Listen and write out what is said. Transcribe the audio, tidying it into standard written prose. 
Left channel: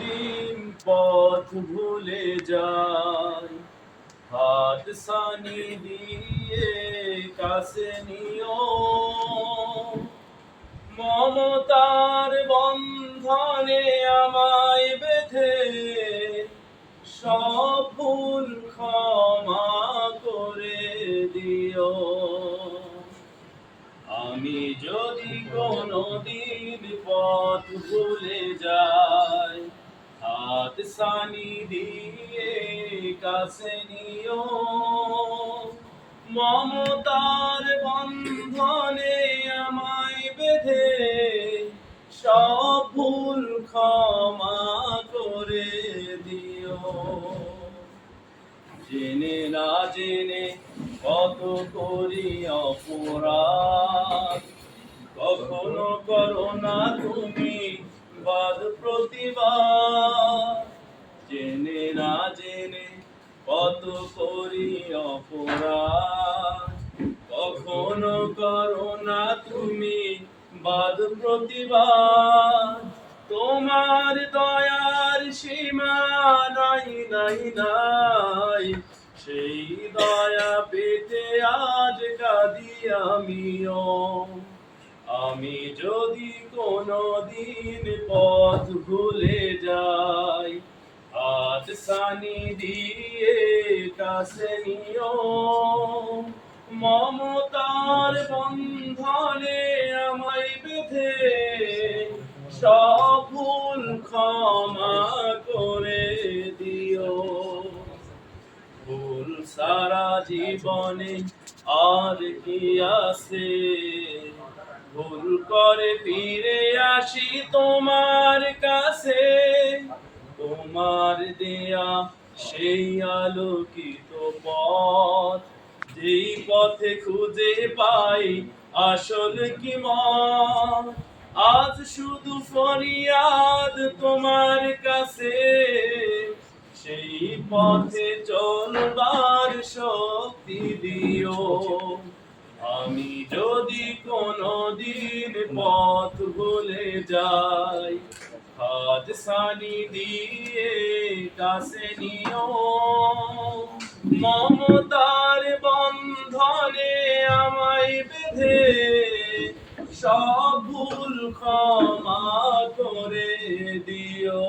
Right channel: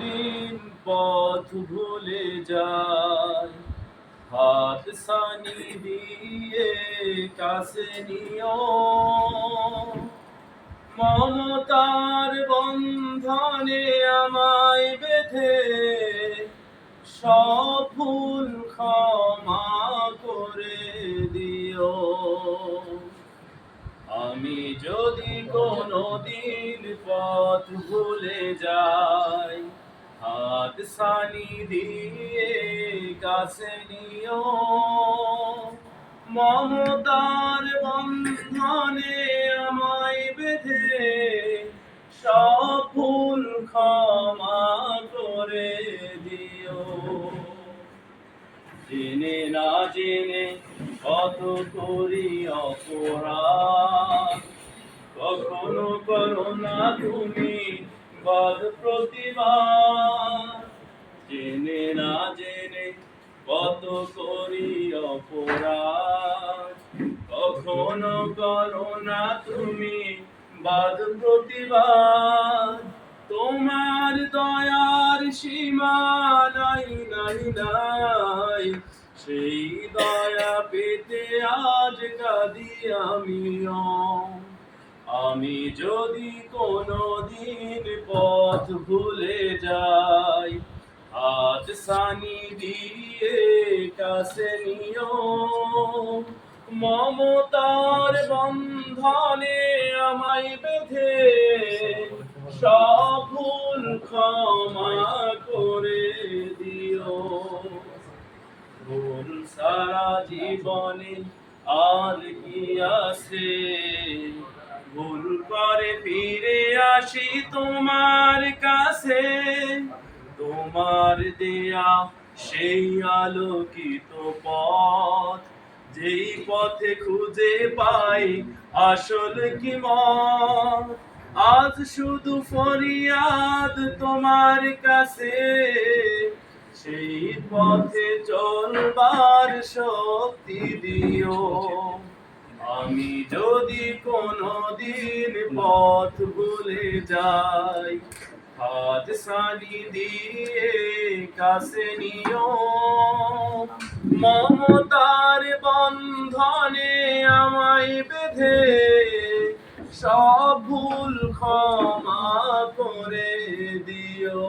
দিন পথ ভুলে যাই, হাত ছানি দিয়ে কাছে নিও। মমতার বন্ধনে আমায় বেঁধে সব ভুল ক্ষমা করে দিও। আমি যদি কোনোদিন পথ ভুলে যাই, হাত ছানি দিয়ে কাছে নিও। মমতার বন্ধনে আমায় বেঁধে সব ভুল ক্ষমা করে দিও। জেনে না জেনে কত করি অপরাধ, কখনো করো না তুমি বাদ প্রতিবাদ। জেনে না জেনে কত করি অপরাধ, কখনো করো না তুমি বাদ প্রতিবাদ। তোমার দয়ার সীমা নাই নাই নাই, সেই দয়া পেতে আজ কাঁদি আমিও। আমি যদি কোনোদিন পথ ভুলে যাই, হাত ছানি দিয়ে কাছে নিও। মমতার বন্ধনে আমায় বেঁধে সব ভুল ক্ষমা করে দিও। ভুল সারা জীবনে আর কি আছে, ভুল করে ফিরে আসি তোমার কাছে। তোমার দেয়া সেই আলোকিত পথ, যেই পথে খুঁজে পাই আসল কি মত। আজ শুধু ফরিয়াদ তোমার কাছে, সেই পথে চলবার শক্তি দিও। আমি যদি কোনোদিন পথ ভুলে যাই, হাত ছানি দিয়ে কাছে নিও। মমতার বন্ধনে আমায় বেঁধে সব ভুল ক্ষমা করে দিও।